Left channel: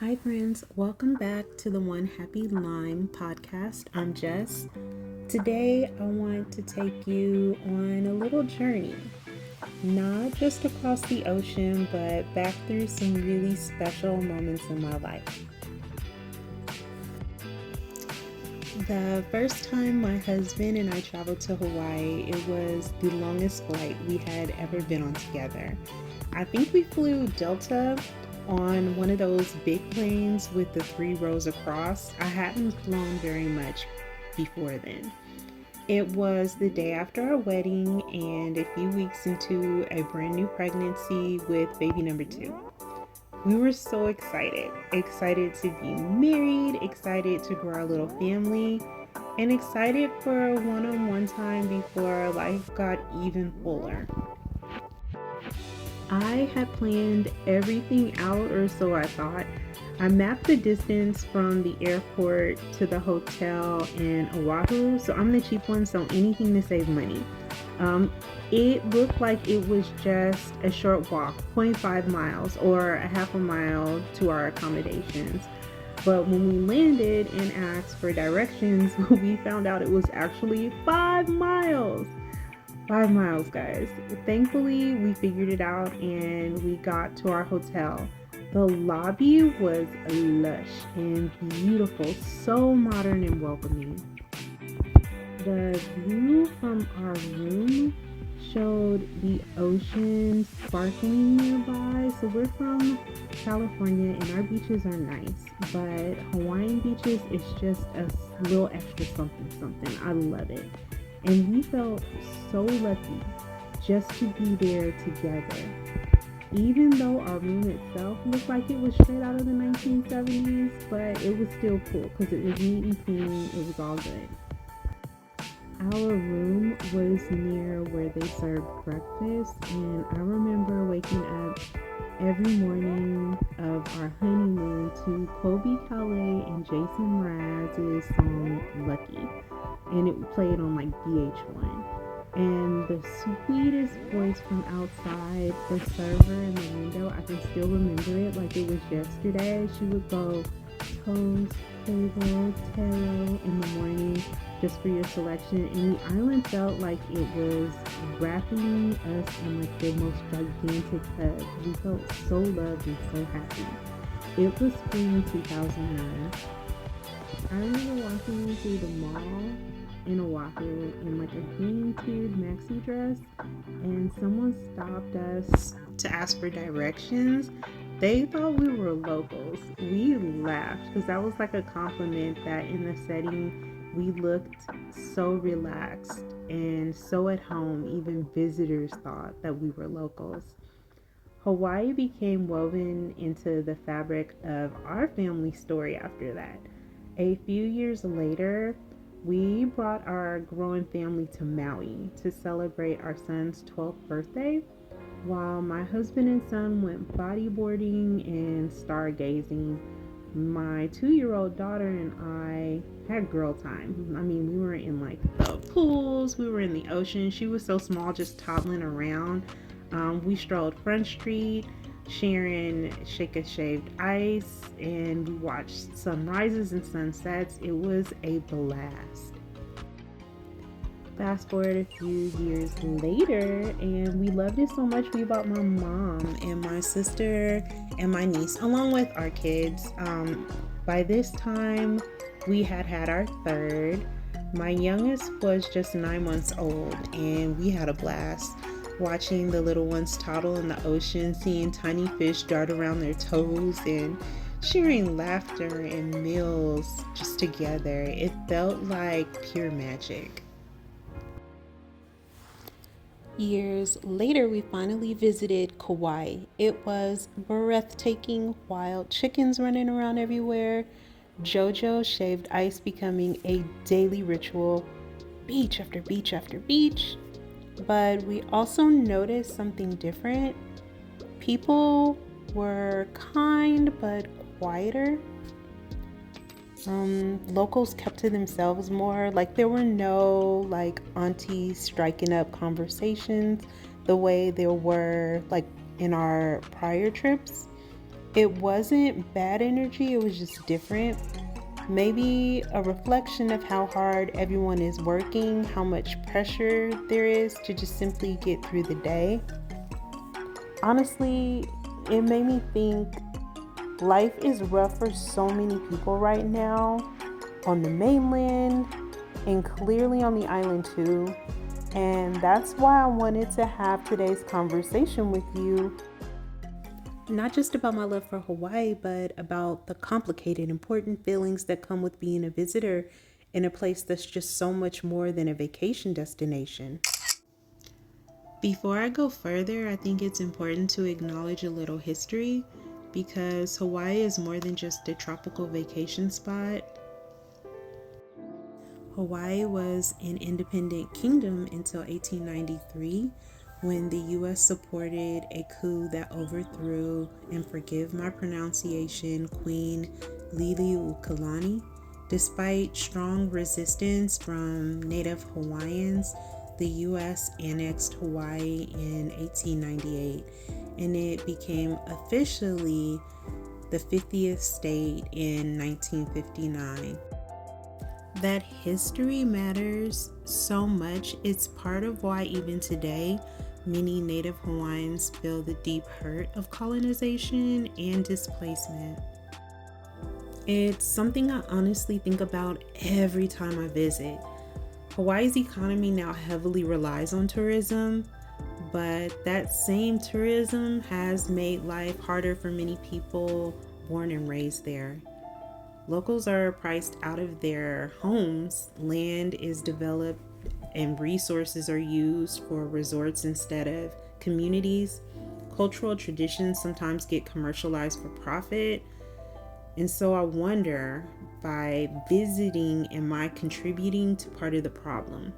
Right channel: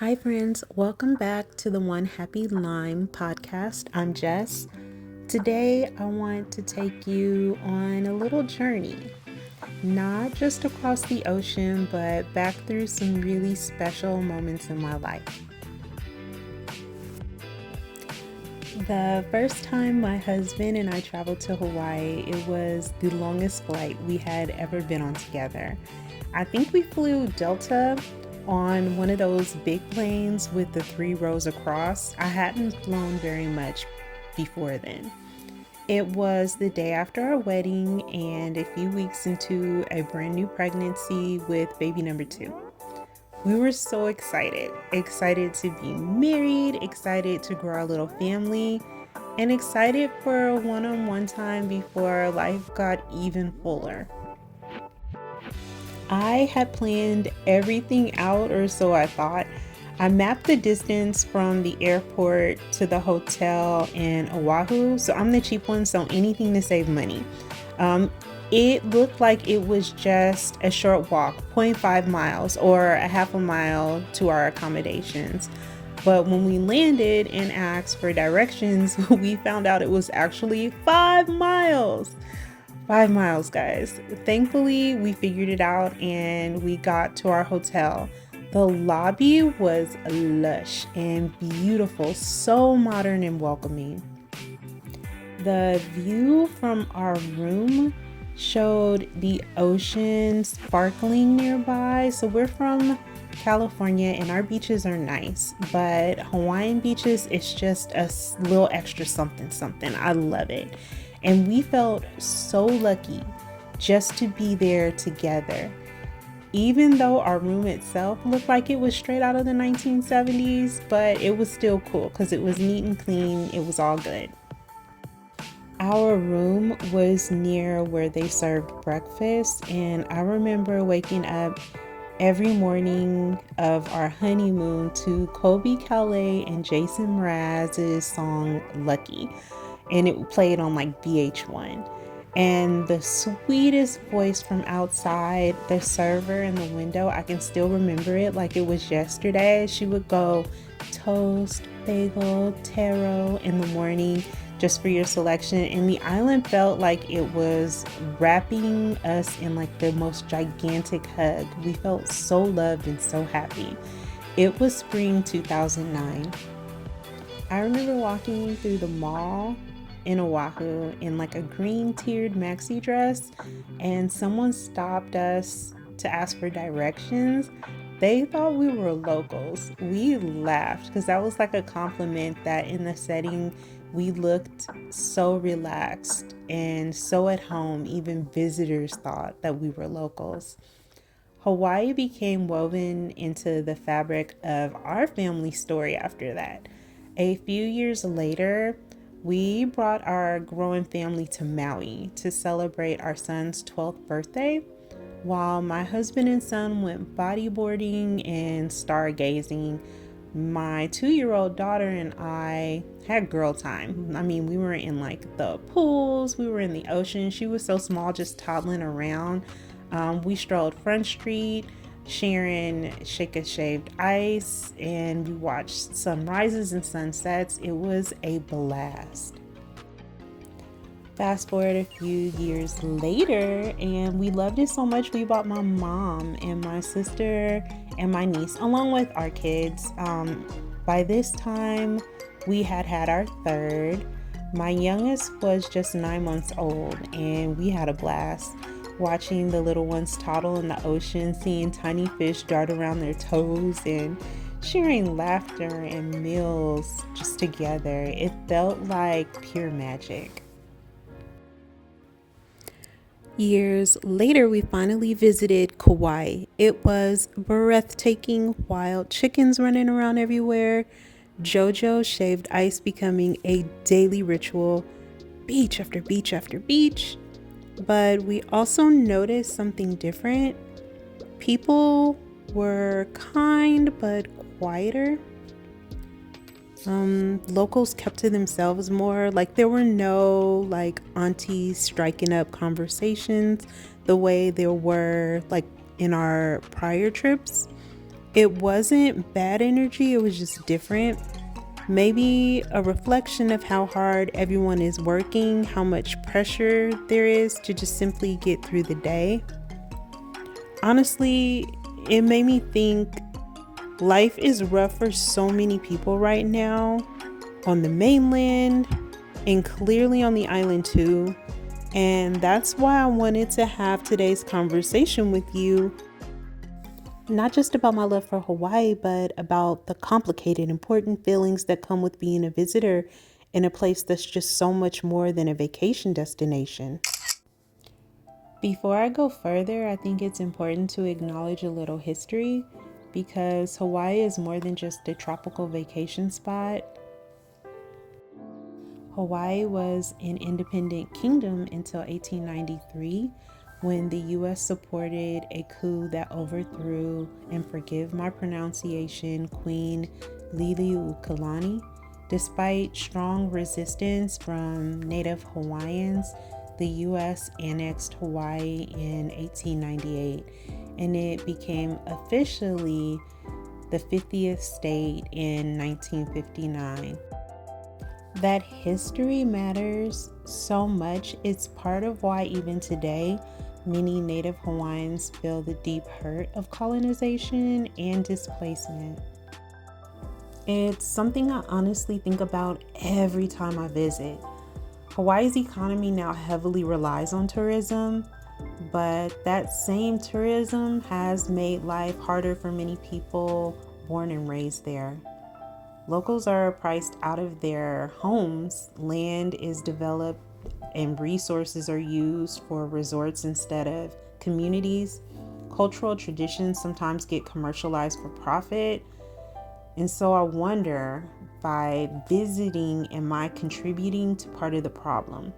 Hi, friends. Welcome back to the OneHappyLime podcast. I'm Jess. Today, I want to take you on a little journey, not just across the ocean, but back through some really special moments in my life. The first time my husband and I traveled to Hawaii, it was the longest flight we had ever been on together. I think we flew Delta on one of those big planes with the 3 rows across. I hadn't flown very much before then. It was the day after our wedding and a few weeks into a brand new pregnancy with baby number 2. We were so excited to be married, excited to grow our little family, and excited for a one-on-one time before life got even fuller. I had planned everything out, or so I thought. I mapped the distance from the airport to the hotel in Oʻahu, so I'm the cheap one, so anything to save money. It looked like it was just a short walk, 0.5 miles or a half a mile to our accommodations. But when we landed and asked for directions, we found out it was actually 5 miles. 5 miles, guys. Thankfully, we figured it out and we got to our hotel. The lobby was lush and beautiful, so modern and welcoming. The view from our room showed the ocean sparkling nearby. So we're from California and our beaches are nice, but Hawaiian beaches, it's just a little extra something. I love it. And we felt so lucky just to be there together. Even though our room itself looked like it was straight out of the 1970s, but it was still cool because it was neat and clean. It was all good. Our room was near where they served breakfast, and I remember waking up every morning of our honeymoon to Colby Calais and Jason Mraz's song Lucky, and it played on like VH1. And the sweetest voice from outside, the server in the window, I can still remember it like it was yesterday. She would go toast, bagel, taro in the morning just for your selection. And the island felt like it was wrapping us in like the most gigantic hug. We felt so loved and so happy. It was spring 2009. I remember walking through the mall in Oʻahu in like a green tiered maxi dress, and someone stopped us to ask for directions. They thought we were locals. We laughed because that was like a compliment that in the setting we looked so relaxed and so at home. Even visitors thought that we were locals. Hawaii became woven into the fabric of our family story after that. A few years later, we brought our growing family to Maui to celebrate our son's 12th birthday, while my husband and son went bodyboarding and stargazing. My 2-year-old daughter and I had girl time. I mean, we were in like the pools, we were in the ocean. She was so small, just toddling around. We strolled Front Street, sharing Shake Shaved Ice, and we watched sunrises and sunsets. It was a blast. Fast forward a few years later, and we loved it so much we bought my mom and my sister and my niece along with our kids. By this time we had our third. My youngest was just 9 months old, and we had a blast watching the little ones toddle in the ocean, seeing tiny fish dart around their toes, and sharing laughter and meals just together. It felt like pure magic. Years later, we finally visited Kauaʻi. It was breathtaking, wild chickens running around everywhere, JoJo shaved ice becoming a daily ritual, beach after beach after beach. But we also noticed something different. People were kind but quieter. Locals kept to themselves more. Like there were no like aunties striking up conversations the way there were like in our prior trips. It wasn't bad energy, it was just different. Maybe a reflection of how hard everyone is working, how much pressure there is to just simply get through the day. Honestly, it made me think life is rough for so many people right now on the mainland and clearly on the island too. And that's why I wanted to have today's conversation with you. Not just about my love for Hawaii, but about the complicated, important feelings that come with being a visitor in a place that's just so much more than a vacation destination. Before I go further, I think it's important to acknowledge a little history because Hawaii is more than just a tropical vacation spot. Hawaii was an independent kingdom until 1893 when the U.S. supported a coup that overthrew, and forgive my pronunciation, Queen Liliuokalani. Despite strong resistance from Native Hawaiians, the U.S. annexed Hawaii in 1898, and it became officially the 50th state in 1959. That history matters so much. It's part of why even today, many Native Hawaiians feel the deep hurt of colonization and displacement. It's something I honestly think about every time I visit. Hawaii's economy now heavily relies on tourism, but that same tourism has made life harder for many people born and raised there. Locals are priced out of their homes, land is developed, and resources are used for resorts instead of communities. Cultural traditions sometimes get commercialized for profit. And so I wonder, by visiting, am I contributing to part of the problem?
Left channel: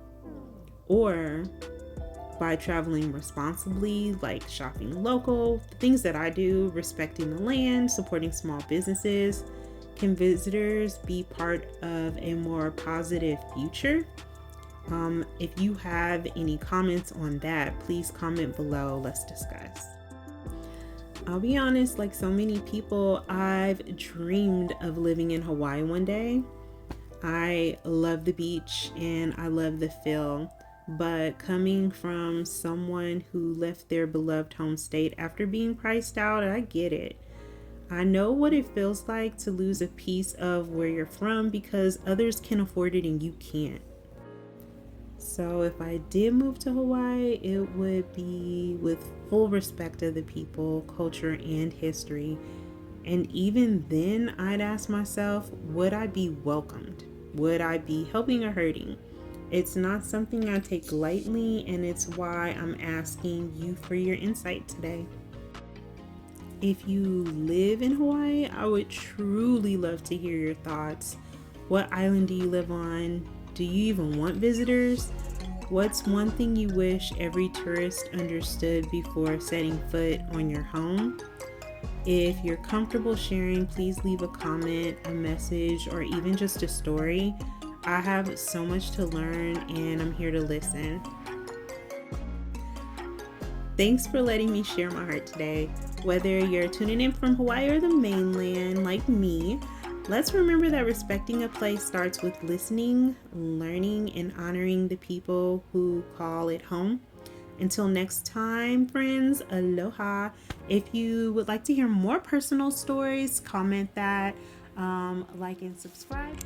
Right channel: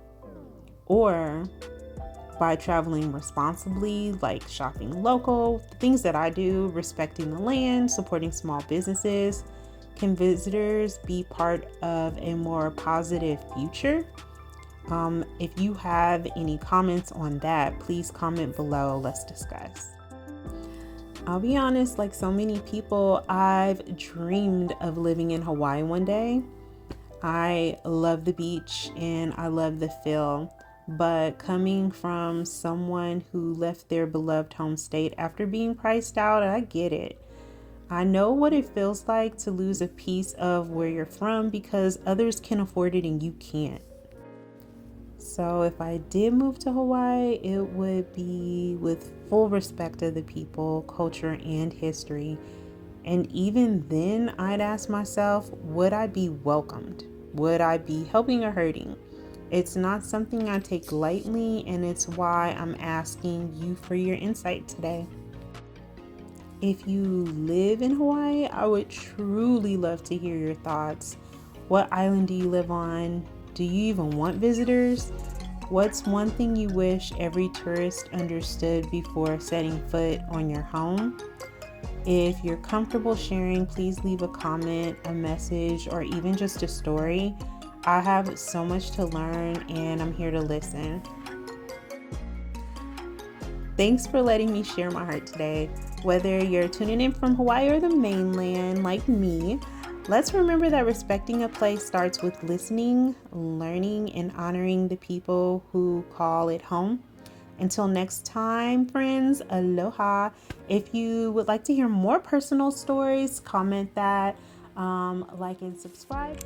Or by traveling responsibly, like shopping local, things that I do, respecting the land, supporting small businesses, can visitors be part of a more positive future? If you have any comments on that, please comment below. Let's discuss. I'll be honest, like so many people, I've dreamed of living in Hawaii one day. I love the beach and I love the feel, but coming from someone who left their beloved home state after being priced out, I get it. I know what it feels like to lose a piece of where you're from because others can afford it and you can't. So if I did move to Hawaii, it would be with full respect of the people, culture, and history. And even then, I'd ask myself, would I be welcomed? Would I be helping or hurting? It's not something I take lightly, and it's why I'm asking you for your insight today. If you live in Hawaii, I would truly love to hear your thoughts. What island do you live on? Do you even want visitors? What's one thing you wish every tourist understood before setting foot on your home? If you're comfortable sharing, please leave a comment, a message, or even just a story. I have so much to learn and I'm here to listen. Thanks for letting me share my heart today. Whether you're tuning in from Hawaii or the mainland like me, let's remember that respecting a place starts with listening, learning, and honoring the people who call it home. Until next time, friends, aloha. If you would like to hear more personal stories, comment that, like, and subscribe.